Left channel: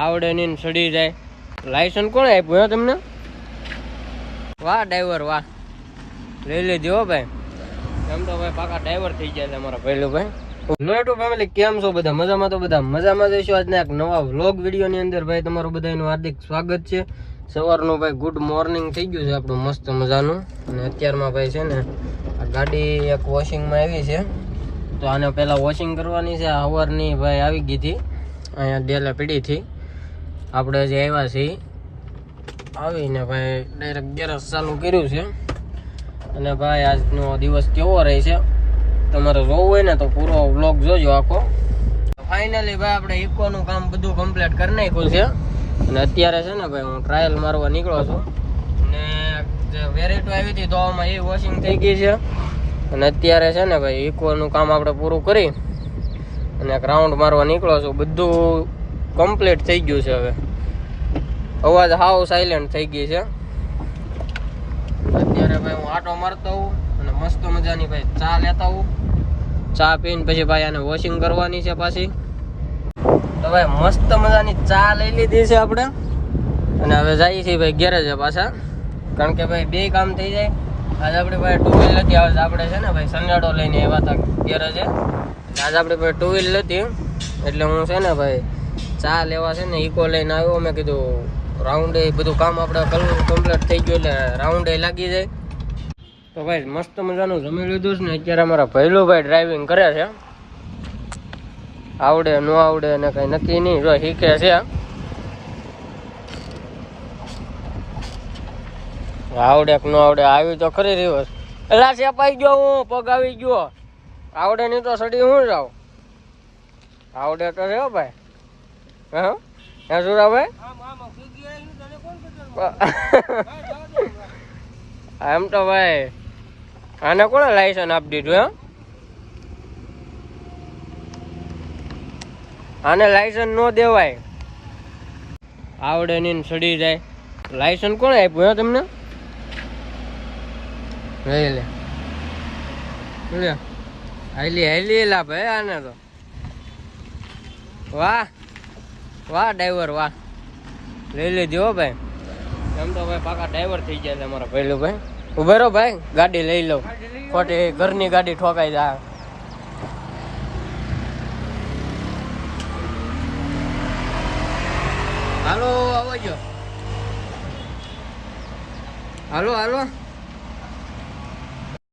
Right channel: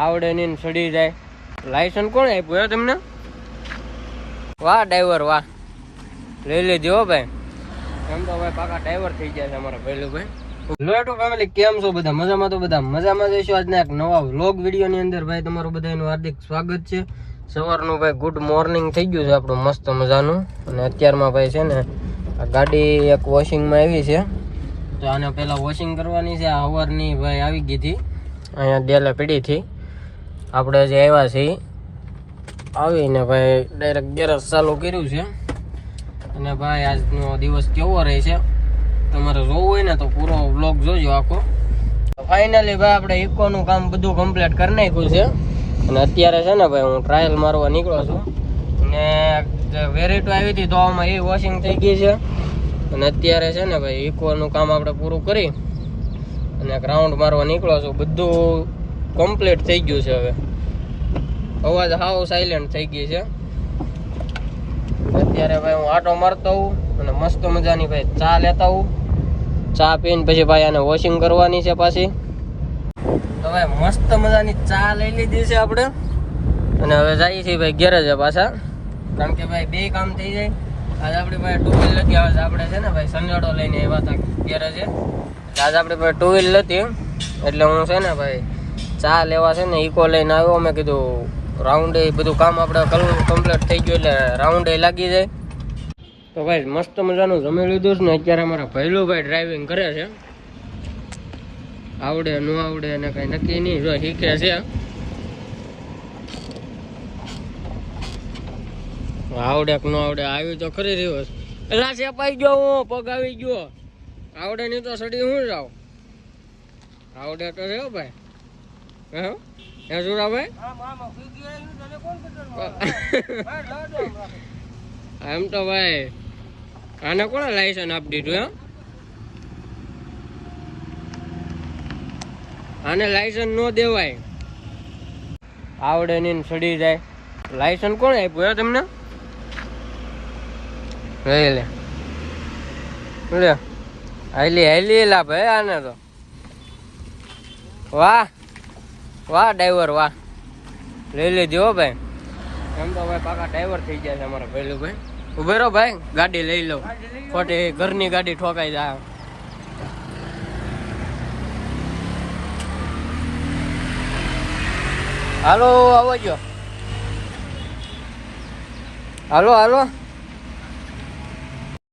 આવડે નહીં સડી જાય. લાયસન્સ કોણ આપ્યું હે તમને? વાહ ડ્રાઈવર વાહ, લઈ લેજો હો ભાઈ. એમ તો ભાઈ પાકા ડ્રાઈવર થઈ ગયા છે અમારા પહેલું ભાઈ. લોટુ ફેમિલી કેમ છો બધા? મજામાં? તો બધા મજામાં જઈશું. આજના એક નવા વ્લોગ વિડીયોની અંદર ભાઈ તમારું બધાનું હાર્દિક સ્વાગત છે. સવારનું ભાઈ ગુડ મોર્નિંગ થઈ ગયું છે આપણું મસ્ત મજાનું. અને અત્યારમાં ભાઈ છે ને આ ગાડી એક વોશિંગમાં આવી છે, તો આને પહેલાં વોશિંગ કરવાની છે. આ સવારની ભાઈ આવી ગઈ હતી અહીંયા ડેલે પીડીથી. આપણે જે આવ્યા છીએ આવીને ભાઈ ડાયરેક્ટ ગેરેજ ચાલુ કર્યું છે. અને ભાઈ આજનો દિવસ કેવો રહે છે તમારે જોવું હોય ને તો પૂરો વ્લોગ જોજો આખો. ફાઇનલી ભાઈ આપણે ઇકોનું કામ બધું કમ્પ્લીટ કરી નાખ્યું છે. અને અત્યારે છે ને ભાઈ હું ટ્રાયલ મારવા નીકળો છું. અને જે વેરીટો આવી હતી તો આમાં એ વોશિંગ થઈ ગઈ છે. અને અત્યારે છે ને ભાઈ ઇકોનું કામ આપણે પૂરું કરી અને એક રાઉન્ડ મારવા નીકળો છું. બધું કમ્પ્લીટ થઈ ગયું છે. હવે અવાજ હાવ સાયલેન્ટ થઈ ગઈ છે. અત્યારે ભાઈ હું આટો મારતો હોઉં અને મસ્ત મજાની ભાઈ ચા લેતા હોઉં. ચા પીને પછી ભાઈ આને વોશિંગ કરવાની છે પાછી. તો ભાઈ મસ્ત મજાની ચા લઈ લીધી છે આપણે. અને હવે જઈએ છીએ ભાઈ ગેરેજે પાછા, કારણ કે ભાઈ બે કામ થઈ જાય. આજે આપણે ભાઈ ટુ વ્હીલ નથી, આવે આપણે છે ને ભાઈ સનેડો લઈને આવ્યા હતા ગેરેજે. આજે આપણે ભાઈ ટુ વ્હીલ નથી એટલે હું છે ને ભાઈ ચા લેવા છે ને ઇકો લઈને આવ્યો. મેં કીધું રાઉન્ડ એ બધું કામ આપણે કમ્પ્લીટ થઈ ગયું એટલે રાઉન્ડ એ લાગી જાય. તો ભાઈ મસ્ત મજાનું જમી લીધું છે ને અત્યારે અમારા ભૈલું ભાઈ ડ્રાઇવિંગ કરે છે. આવડે ન આવડે ને કઈ નક્કી નહીં, જો શીખે છે. આવડે કે ન આવડે આવી તો ખરી રહ્યો છે. એલા સેપાઈ ગયો હું, પગ આવી ગયો. આવડે નહીં તો સડી હું જાવ. આવડે તો છે ભાઈ. હે સુરાભાઈ એમ તો ભાઈ આને કોને લાયસન્સ આપી દીધું? હે આને લાયસન્સ ન દેવાય. આવડે નહીં સડી જાય. લાયસન્સ કોણ આપ્યું હે તમને? લે લે હાલી હાલી લા ભાઈ આને તો. વાહ વાહ ડ્રાઈવર વાહ, લઈ લેજો હો ભાઈ. એમ તો ભાઈ પાકા ડ્રાઈવર થઈ ગયા છે અમારા પહેલું ભાઈ. ઉભે રહો ભાઈ, ગાડી લઈ લઉં. ખોટી ઘરની ગાડી ઠોકાઈ જાય. હાલો આવજો, હાલો હાલો.